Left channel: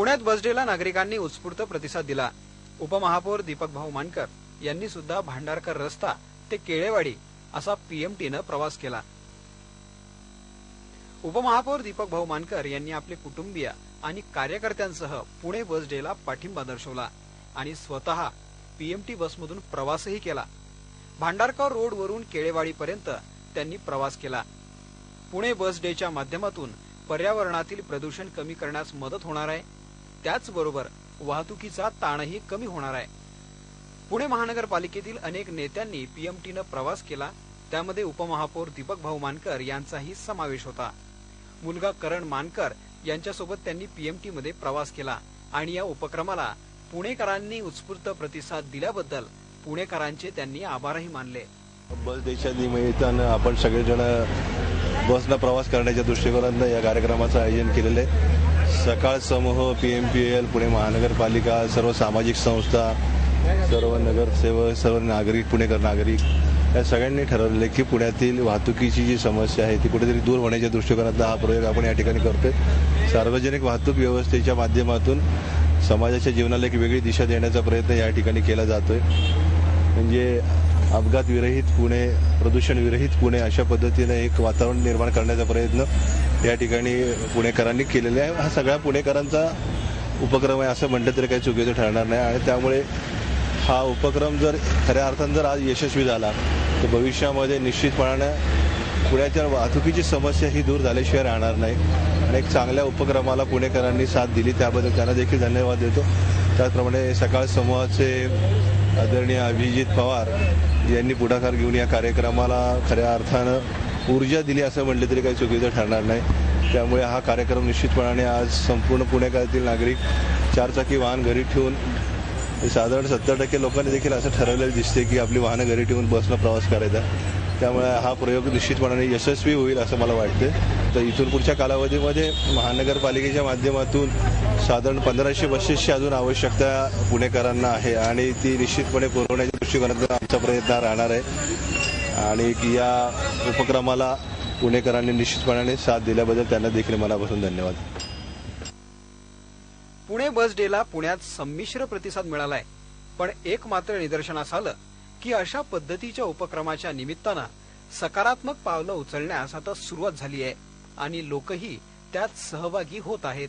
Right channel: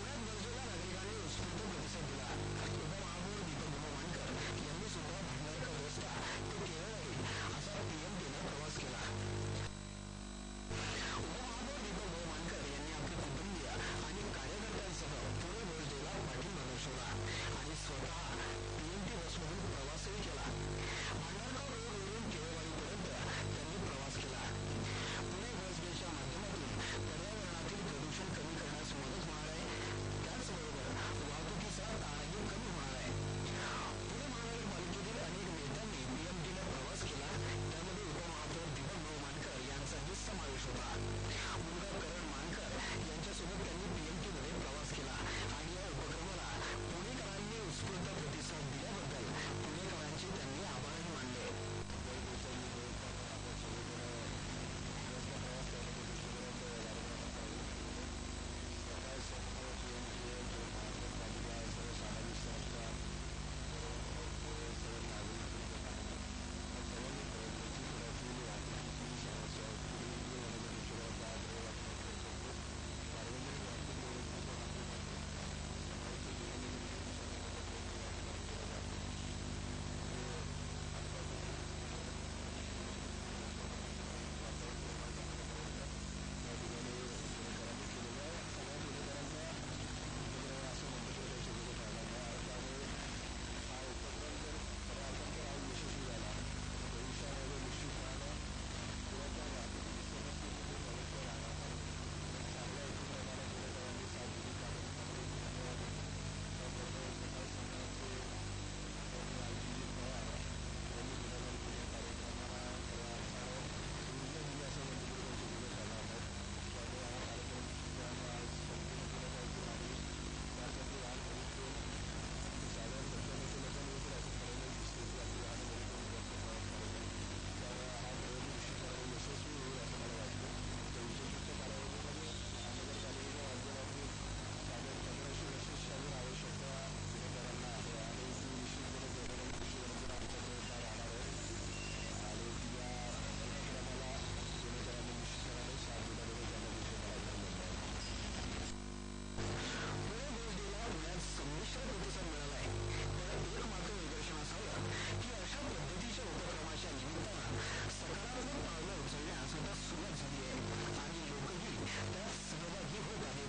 पुण्यात बसडेला नागरिकांनी उत्स्फूर्त प्रतिसाद दिला. उपमहापौर दीपक भाऊ मानकर यांनी सुद्धा भांडारकर रस्ता ते केळेवाडी असा पीएमटीनं प्रवास केला. उपमहापौर दीपक भाऊ मानकर यांनी आपले कुटुंबीय आणि कार्यकर्त्यांसह पुणे बस डेला पाठिंबा दर्शवला आणि स्वतः पीएमटी बसमधून प्रवासही केला. भांडारकर रोडवरून केळेवाडीपर्यंत त्यांनी प्रवास केला. पुणे बस डेच्या माध्यमातून पर्यावरणातील प्रदूषण कमी करण्यास मदत होणार आहे. त्याचबरोबर वाहतुकीचा ताणही कमी होणार आहे. पुणे महानगरपालिकेतील अनेक नेत्यांनी पीएमटीनं प्रवास केला त्यामध्ये उपमहापौर दीपक भाऊ मानकर यांचाही समावेश होता. मुलगा करण मानकर यांच्यासोबत त्यांनी पीएमटी मध्ये प्रवास केला आणि या उपक्रमाला पुणेकरांनी उत्स्फूर्त प्रतिसाद दिल्याबद्दल पुणेकरांचे त्यांनी आभारही मानले. बस देशात निमित्तानं आपण सगळेजण बसनं प्रवास करण्याच्या दृष्टिकोनातनं या कार्यक्रमाचं आयोजन केलेलं आहे. सकाळ समूह P M P L Pune महानगरपालिका सर्व सामाजिक संस्था सर्व नगरसेवक सर्व नागरिक पुणेकर नागरिक या सगळ्यांनी ठरवले की पुण्यातील वाहतुकीची जी समस्या आहे ती कुठेतरी दूर होण्याच्या दृष्टिकोनातला हा प्रयोग आपण या ठिकाणी करतोय. सार्वजनिक वाहतूक व्यवस्थेच्या माध्यमातून समाजाच्या जीवनाला एक वेगळी दिशा देण्याचा प्रयत्न या ठिकाणी केला जातोय. म्हणजे अपघात विरहित पुणे प्रदूषण विरहित पुणे अशा पद्धतीने एक वातावरण निर्माण करण्याचा प्रयत्न या ठिकाणी पुणेकरांनी केलेला आहे. हा सगळ्या पुणेकरांचा उपक्रम आहे असं म्हटलं तरी काही चुकीचं ठरणार नाही. आणि त्यामुळे हा उपक्रम जर खऱ्या अर्थानं जर आज यशस्वी झाला तर भविष्यामध्ये निश्चितपणानं पुण्याच्या वाहतुकीची समस्या ही दूर झाल्याशिवाय राहणार नाही. आणि एक चांगल्या उपक्रमाला पुणेकरांनी साथ दिली त्याबद्दल त्यांना देखील धन्यवाद देतो. त्याचप्रमाणे सकाळ समूहाचे आदरणीय अभिजित पवार यांनी पुढाकार घेऊन या कार्यक्रमाला खऱ्या अर्थानं ऊर्जा दिली असं म्हटलं तरी काही चुकीचं ठरणार नाही. त्यामुळे हा कार्यक्रम निश्चितपणाने आज संपूर्ण पुणेकरातील नागरिक चारचाकी वाहन घरी ठेवून साधारण सत्तर टक्के लोकांनी देखील असं ठरवलेलं दिसते की आपली वाहनं घरी ठेवून बसनं प्रवास करायचा. त्यामुळे हा प्रयोग निश्चितपणाने यशस्वी होईल असं मला वाटतं तर इथून पुढच्या कालावधीमध्ये महानगरपालिकेच्या माध्यमातून साधारण पंधराशे बसेसची अजून आवश्यकता पुणेकरांना आहे आणि ती निश्चितपणे पुरवण्याच्या दृष्टिकोनातून आमचा प्रयत्न राहणार आहे. आणि या उपक्रमाला पुणेकरांनी निश्चितपणाने साथ दिल्याबद्दल त्यांना देखील मनापासून धन्यवाद. पुणे बस डेला पुण्यात संमिश्र प्रतिसाद मिळालाय. पण एक मात्र निदर्शनास आलं की अशा पद्धतीच्या उपक्रमाच्या निमित्तानं सकारात्मक पावलं उचलण्यास आता सुरुवात झाली आहे आणि लोकही त्यात सहभागी होत आहेत.